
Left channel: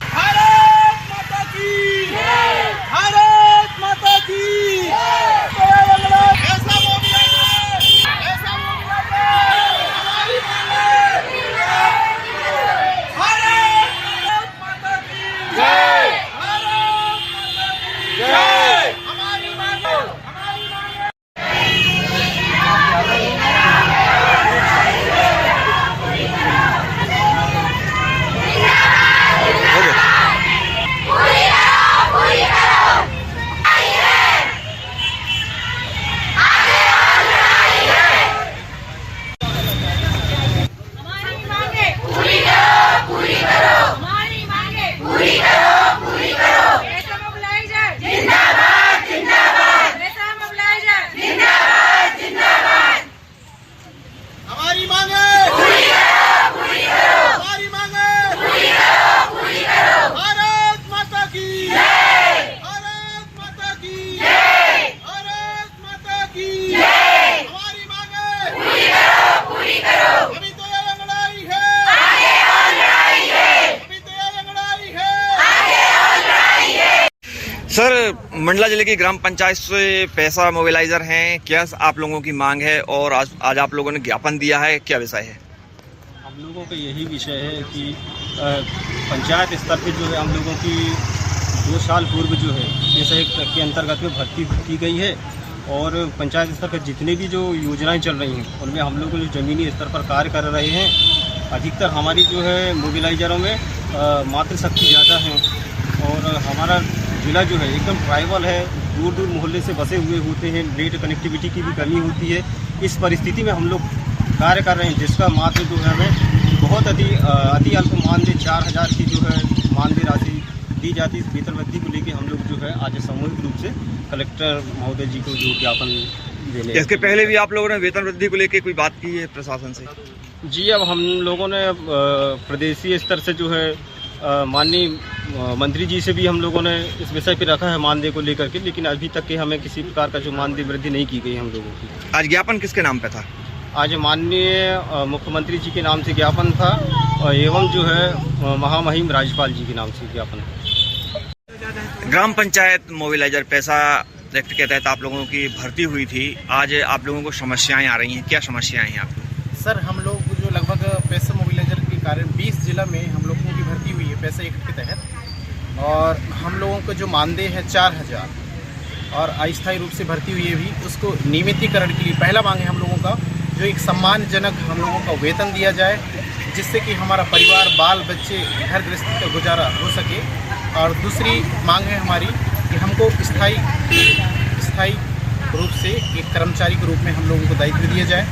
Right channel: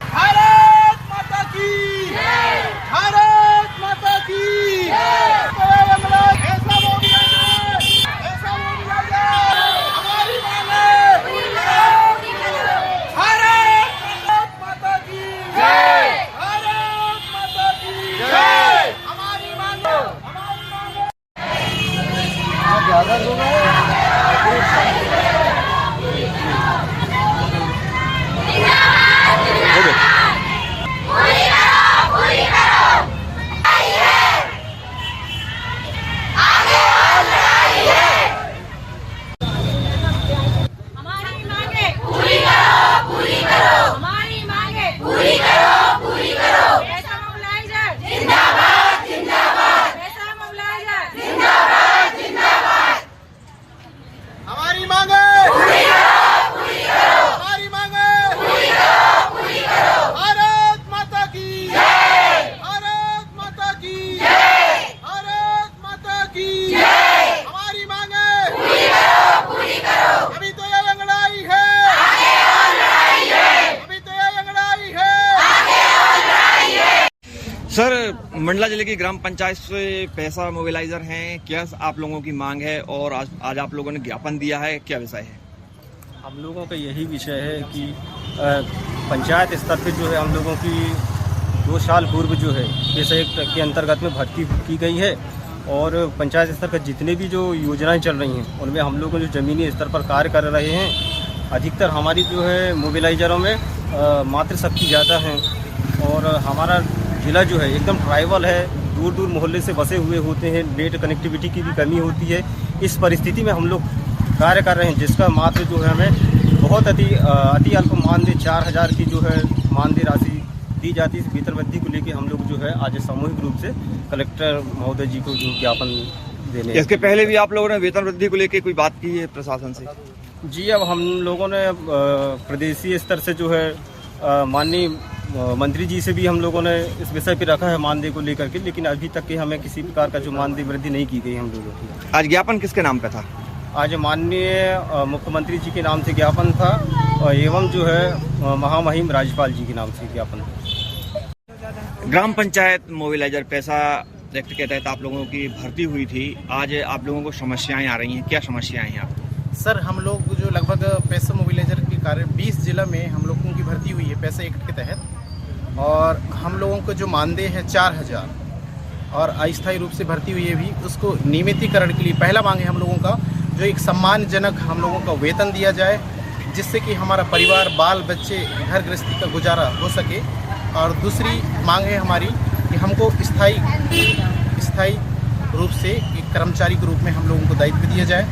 भारत माता की जय! भारत माता की हो गया। सर, मंडला जिले की ग्राम पंचायत से पैसा मोबिलाइजर हैं, क्या आप लोगों की मांग है और आज आप लोगों ने ज्ञापन दिया है, क्या विषय है? हम लोगों का यही विषय है कि पंचायत स्तर पे जो है हम लोगों की 2 साल पूर्व जो है पैसा के अंतर्गत में भर्ती की गई है और पंचायत स्तर पर जितने भी जो योजनाएं चल रही हैं उनमें हम लोग जो ज़मीनी स्तर पर कार्य कर रहे हैं। अधिकतर हमारी जो है मोबिलाइजरों में मातृशक्ति ज़्यादा है और हमारा ज़िला जो है एकदम ट्राइबल है, दूर दूर मोहल्ले से बसे हुए होते हैं, नेट कनेक्टिविटी की भी कमी होती है। इस परिस्थिति में हम लोग कार्य कर रहे हैं, जिसका मात्र जो है हमें बहुत अति अल्प मानदेय 4000 की जो है मानदेय राशि दी जाती है। इस वेतन वृद्धि को लेकर हम लोग जो है आज सामूहिक रूप से कलेक्टर महोदय जी को जो ज्ञापन देने। इसके पहले भी आप लोगों ने वेतन वृद्धि को लेकर कोई बात की है प्रशासन से? जी, अब हम लोगों ने प्रदेशीय स्तर से जो है माननीय मंत्री जी से भी हम लोगों ने इस विषय पे रखा है मानदेय को लेकर के, लेकिन अभी तक के हमें किसी प्रकार का जो मानदेय वृद्धि नहीं की गई हम लोगों की। आज ज्ञापन किसके नाम पे था? आज माननीय मुख्यमंत्री जी के नाम से ज्ञापन था और एवं जो है महामहिम राज्यपाल जी के नाम से ज्ञापन था। ग्राम पंचायत मोबिलाइजर पैसा एक्ट के तहत आप लोगों की भर्ती हुई थी, आज आप लोगों को समस्याएं आ रही हैं, क्या समस्याएं हैं आपको? सर, हम लोग जो लगभग पैसा मोबिलाइजर के कार्य 20 जिला में हम लोगों की भर्ती हुई है पैसा एक्ट के तहत, और हम लोगों को जो मानदेय है 4000 और अस्थायी रूप से भर्ती हुई है भी, उसको नियमितीकरण के लिए पहला मांग है हम लोगों का जो एक सम्मानजनक हम लोगों का वेतन दिया जाए, जिससे कि हमारा परिवार, बाल बच्चे, घर गृहस्थी का गुजारा हो सके। और दूसरी मांग है हमारी कि हमको स्थायी रूप से एक कर्मचारी के रूप में हम लोगों को दायित्व दिया जाए।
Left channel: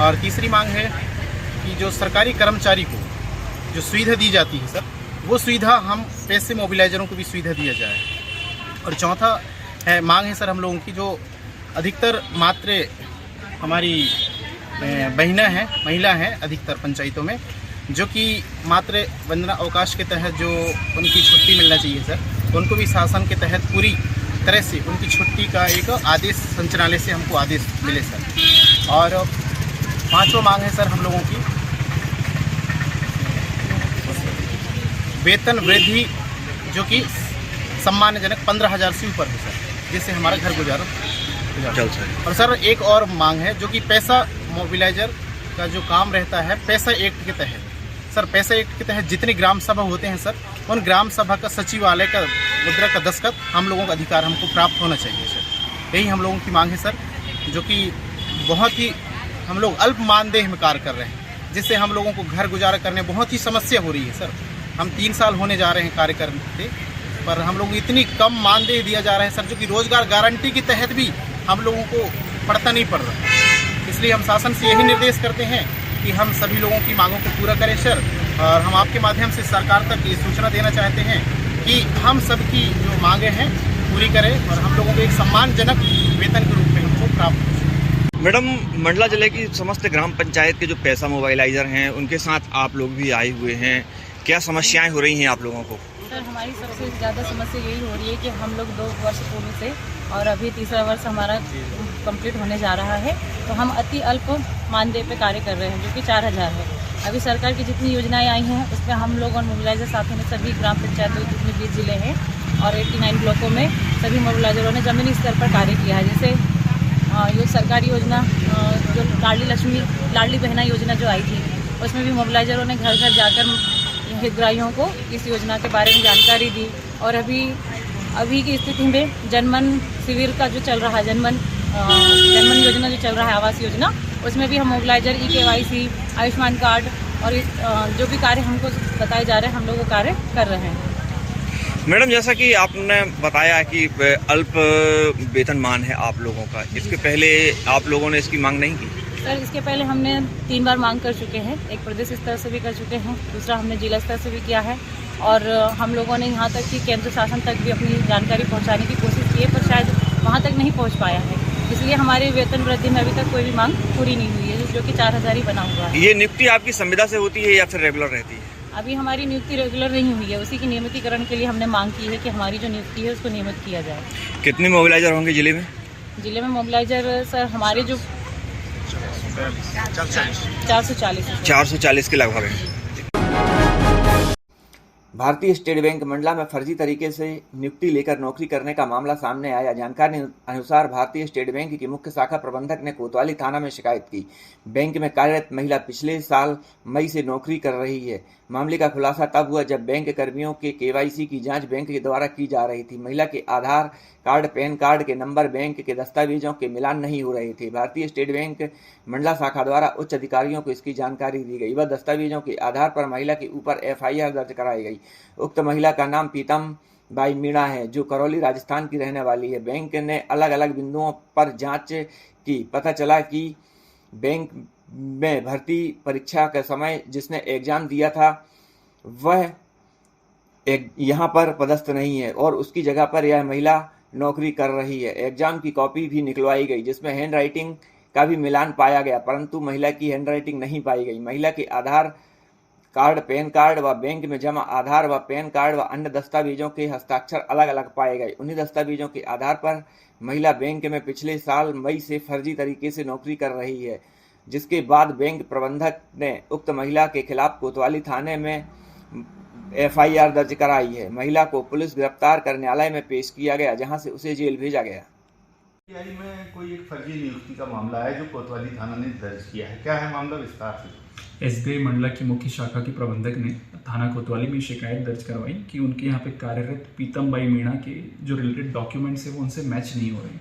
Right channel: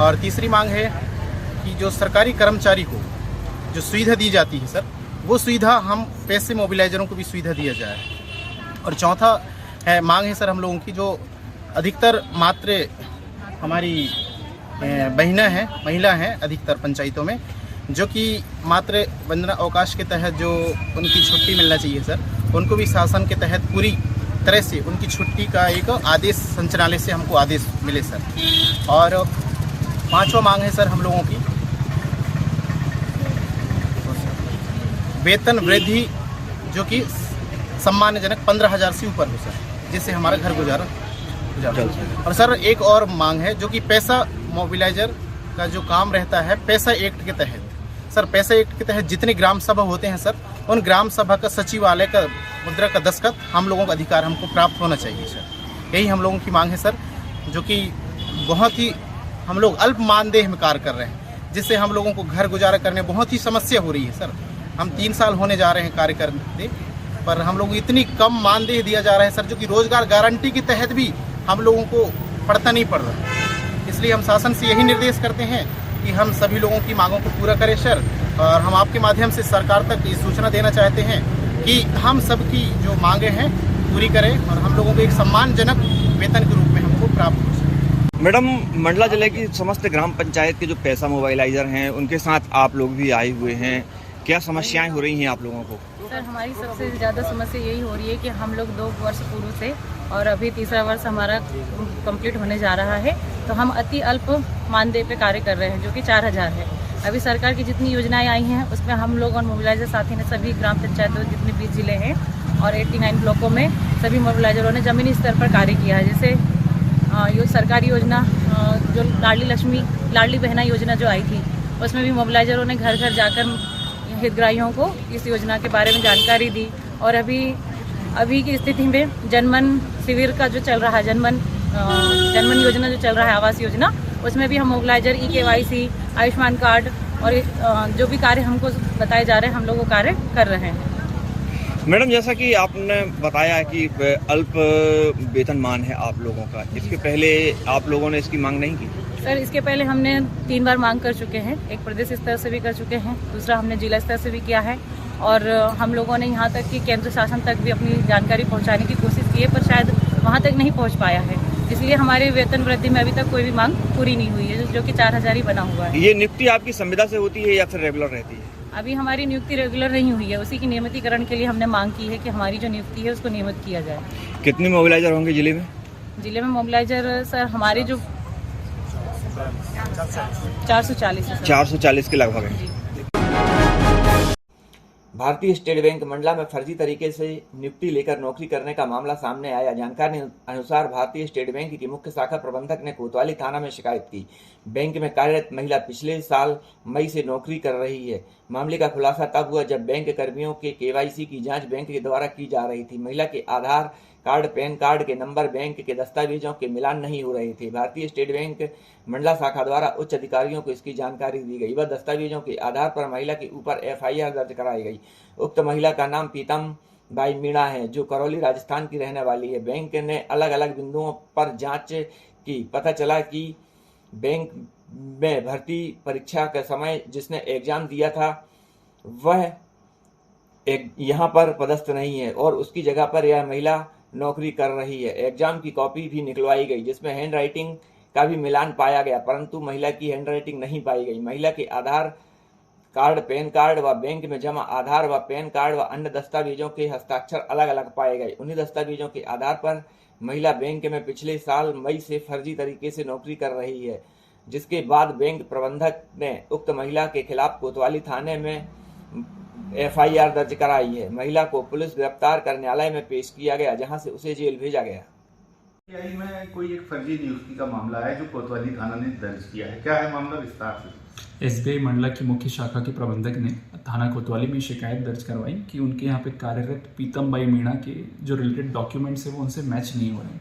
और तीसरी मांग है कि जो सरकारी कर्मचारी को जो सुविधा दी जाती है सर, वो सुविधा हम पैसे मोबिलाइजरों को भी सुविधा दिया जाए। और चौथा है मांग है सर हम लोगों की जो अधिकतर मात्र हमारी बहना है, महिला हैं अधिकतर पंचायतों में, जो कि मात्र वंदना अवकाश के तहत जो उनकी छुट्टी मिलना चाहिए सर, उनको भी शासन के तहत पूरी तरह से उनकी छुट्टी का एक आदेश संचालनालय से हमको आदेश मिले सर। और पांचवा मांग है सर हम लोगों की वेतन वृद्धि जो कि सम्मानजनक 15,000 से ऊपर हो सर, जिससे हमारा घर गुजारा और सर एक और मांग है जो कि पैसा मोबिलाइजर का जो काम रहता है पैसा एक्ट के तहत, सर पैसा एक्ट के तहत जितने ग्राम सभा होते हैं सर, उन ग्राम सभा का सचिवालय का मुद्रा का दस्तखत हम लोगों का अधिकार हमको प्राप्त होना चाहिए सर। यही हम लोगों की मांग है सर, जो कि बहुत ही हम लोग अल्प मानदेय में कार्य कर रहे हैं, जिससे हम लोगों को घर गुजारा करने बहुत ही समस्या हो रही है सर। हम 3 साल होने जा रहे हैं कार्य करते, पर हम लोग इतनी कम मानदेय दिया जा रहा है सर, जो कि रोजगार गारंटी के तहत भी हम लोगों को पड़ता नहीं पड़ रहा। इसलिए हम शासन से यही निर्देश करते हैं कि हम सभी लोगों की मांगों को पूरा करें सर, और हम आपके माध्यम से सरकार तक ये सूचना देना चाहते हैं कि हम सबकी जो मांगे हैं पूरी करें और हम लोगों को एक सम्मानजनक वेतन के रूप में हमको प्राप्त हो सके। मैडम, मंडला जिले की समस्त ग्राम पंचायत के जो पैसा मोबाइलाइजर हैं उनके साथ आप लोग भी आए हुए हैं, क्या समस्याएं हो रही हैं आप लोगों को? सर हमारी सबसे ज़्यादा समस्या यही हो रही है कि हम लोग 2 वर्ष पूर्व से और अभी तीसरा वर्ष हमारा कंप्लीट होने जा रहा है, तो हम अति अल्प मानदेय पे कार्य कर रहे हैं जो कि 4,000 है। अभी सरकार की जितनी योजनाएं आई हैं उसमें हम लोग और मोबिलाइजर साथी ने सभी ग्राम पंचायतों जितने 20 जिले हैं और 89 ब्लॉकों में सभी मोबिलाइजरों ने ज़मीनी स्तर पर कार्य किया है। जैसे ये सरकारी योजना जो लाडली बहना योजना जो आई थी, उसमें भी मोबिलाइजरों ने घर घर जाकर हितग्राहियों को इस योजना के बारे में जानकारी दी। और अभी की स्थिति में जनमन शिविर का जो चल रहा है, जनमन योजना जो चल रहा है, आवास योजना, उसमें भी हम मोबिलाइजर KYC, आयुष्मान कार्ड और जो भी कार्य हमको बताए जा रहे हैं हम लोग वो कार्य कर रहे हैं। मैडम, जैसा कि आपने बताया कि अल्प वेतनमान है आप लोगों का, इसके पहले आप लोगों ने इसकी मांग नहीं की? सर इसके पहले हमने 3 बार मांग कर चुके हैं, एक प्रदेश स्तर से भी कर चुके हैं, दूसरा हमने जिला स्तर से भी किया है और हम लोगों ने यहाँ तक कि केंद्र शासन तक भी अपनी जानकारी पहुँचाने की कोशिश की है, पर शायद वहाँ तक नहीं पहुँच पाया है। इसलिए हमारे वेतन वृद्धि में अभी तक कोई भी मांग पूरी नहीं हुई है, जो कि 4,000 ही बना हुआ है। ये नियुक्ति आपकी संविदा से होती है या फिर रेगुलर रहती है? अभी हमारी नियुक्ति रेगुलर नहीं हुई है, उसी की नियमितीकरण के लिए हमने मांग की है कि हमारी जो नियुक्ति है उसको नियमित किया जाए। कितने मोबिलाइजर होंगे जिले में? जिले में मोबिलाइजर सर हमारे जो 440 है। 440 के लगभग है। भारतीय स्टेट बैंक मंडला में फर्जी तरीके से नियुक्ति लेकर नौकरी करने का मामला सामने आया। जानकारी अनुसार भारतीय स्टेट बैंक की मुख्य शाखा प्रबंधक ने कोतवाली थाना में शिकायत की। बैंक में कार्यरत महिला पिछले साल मई से नौकरी कर रही है। मामले का खुलासा तब हुआ जब बैंक कर्मियों के KYC की जांच बैंक के द्वारा की जा रही थी। महिला के आधार कार्ड, पैन कार्ड के नंबर बैंक के दस्तावेजों के मिलान नहीं हो रहे थे। भारतीय स्टेट बैंक मंडला शाखा द्वारा उच्च अधिकारियों को इसकी जानकारी दी गई। वह दस्तावेजों के आधार पर महिला के ऊपर FIR दर्ज कराई गई। उक्त महिला का नाम पीतम बाई मीणा है, जो करौली राजस्थान की रहने वाली है। बैंक ने अलग अलग बिंदुओं पर जांच की। पता चला कि बैंक में भर्ती परीक्षा के समय जिसने एग्जाम दिया था वह यहाँ पर पदस्थ नहीं है और उसकी जगह पर यह महिला नौकरी कर रही है। एग्जाम की कॉपी भी निकलवाई गई जिसमें हैंड राइटिंग का भी मिलान पाया गया, परंतु महिला की हैंड राइटिंग नहीं पाई गई। महिला के आधार कार्ड, पैन कार्ड व बैंक में जमा आधार व पैन कार्ड व अन्य दस्तावेजों के हस्ताक्षर अलग अलग पाए गए। उन्हीं दस्तावेजों के आधार पर महिला बैंक में पिछले साल मई से फर्जी तरीके से नौकरी कर रही है, जिसके बाद बैंक प्रबंधक ने उक्त महिला के खिलाफ कोतवाली थाने में FIR दर्ज कराई है। महिला को पुलिस गिरफ्तार कर न्यायालय में पेश किया गया, जहां से उसे जेल भेजा गया। में कोई एक फर्जी नियुक्ति का मामला है जो कोतवाली थाना ने दर्ज किया है, क्या है मामला विस्तार से? SBI मंडला की मुख्य शाखा के प्रबंधक ने थाना कोतवाली में शिकायत दर्ज करवाई कि उनके यहाँ पे कार्यरत पीतम बाई मीणा के जो रिलेटेड डॉक्यूमेंट्स है वो उनसे मैच नहीं हो रहे हैं।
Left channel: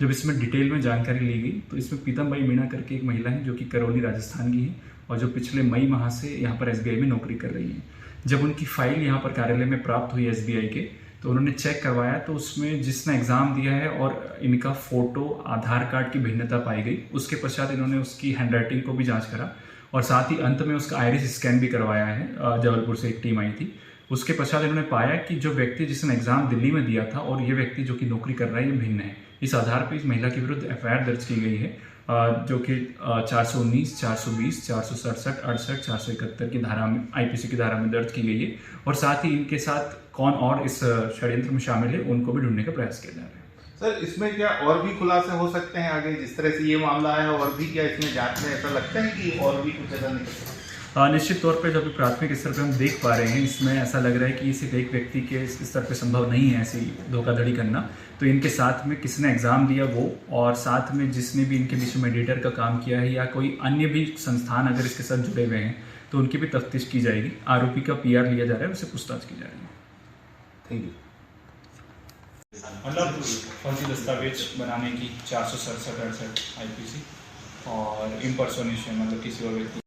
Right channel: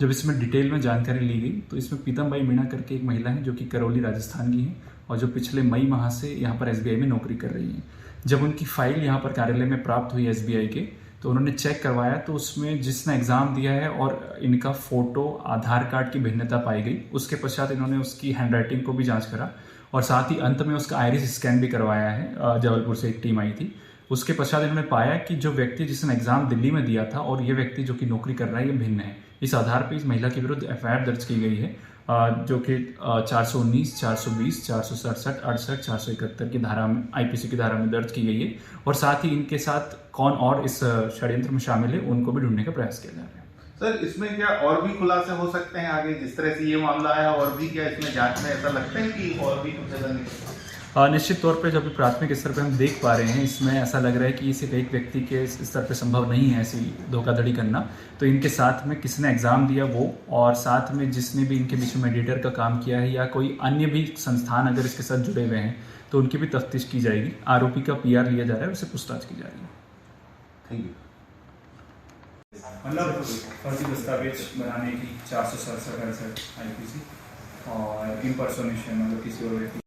जब इसमें डिटेल में जानकारी ली गई तो इसमें पीतम बाई मीणा करके एक महिला है जो कि करौली राजस्थान की है और जो पिछले मई माह से यहाँ पर SBI में नौकरी कर रही है। जब उनकी फाइल यहाँ पर कार्यालय में प्राप्त हुई SBI के, तो उन्होंने चेक करवाया तो उसमें जिसने एग्ज़ाम दिया है और इनका फ़ोटो, आधार कार्ड की भिन्नता पाई गई। उसके पश्चात इन्होंने उसकी हैंडराइटिंग को भी जांच करा और साथ ही अंत में उसका आइरिस स्कैन भी करवाया है। जबलपुर से एक टीम आई थी। उसके पश्चात इन्होंने पाया कि जो व्यक्ति जिसने एग्ज़ाम दिल्ली में दिया था और ये व्यक्ति जो कि नौकरी कर रहा है ये भिन्न है। इस आधार पर इस महिला के विरुद्ध FIR दर्ज की गई है, जो कि 419, 420, 467, 68, 471 की धारा में IPC की धारा में दर्ज की गई है और साथ ही इनके साथ कौन और इस षड्यंत्र में शामिल है उनको भी ढूंढने का प्रयास किया जा रहा है। सर, इसमें क्या और भी खुलासे हो सकते हैं आगे? जिस तरह से ये मामला आया और भी क्या इसमें जांच में ऐसा लगता है कि और भी कुछ ऐसा नहीं? निश्चित तौर पे जो अभी प्राथमिक स्तर पे हम देख पा रहे हैं, इसमें ऐसा लग रहा है कि इसे एक व्यक्ति के स्तर पे संभव नहीं है ऐसी धोखाधड़ी करना। तो इनके साथ में किसने एग्ज़ाम दिया वो, और साथ में जिसने भी इनके बीच में मीडिएटर का काम किया है या कोई अन्य भी संस्थान अगर इसके साथ जुड़े हुए हैं तो उनकी भी तफ्तीश की जाएगी। आरोपी का PR लिया जा रहा है, उससे पूछताछ की जा रही है। Thank you. मतलब फर्जी दस्तावेज बनाने की 467-68 IPC और इम्पर्सोनेशन मतलब किसी और व्यक्ति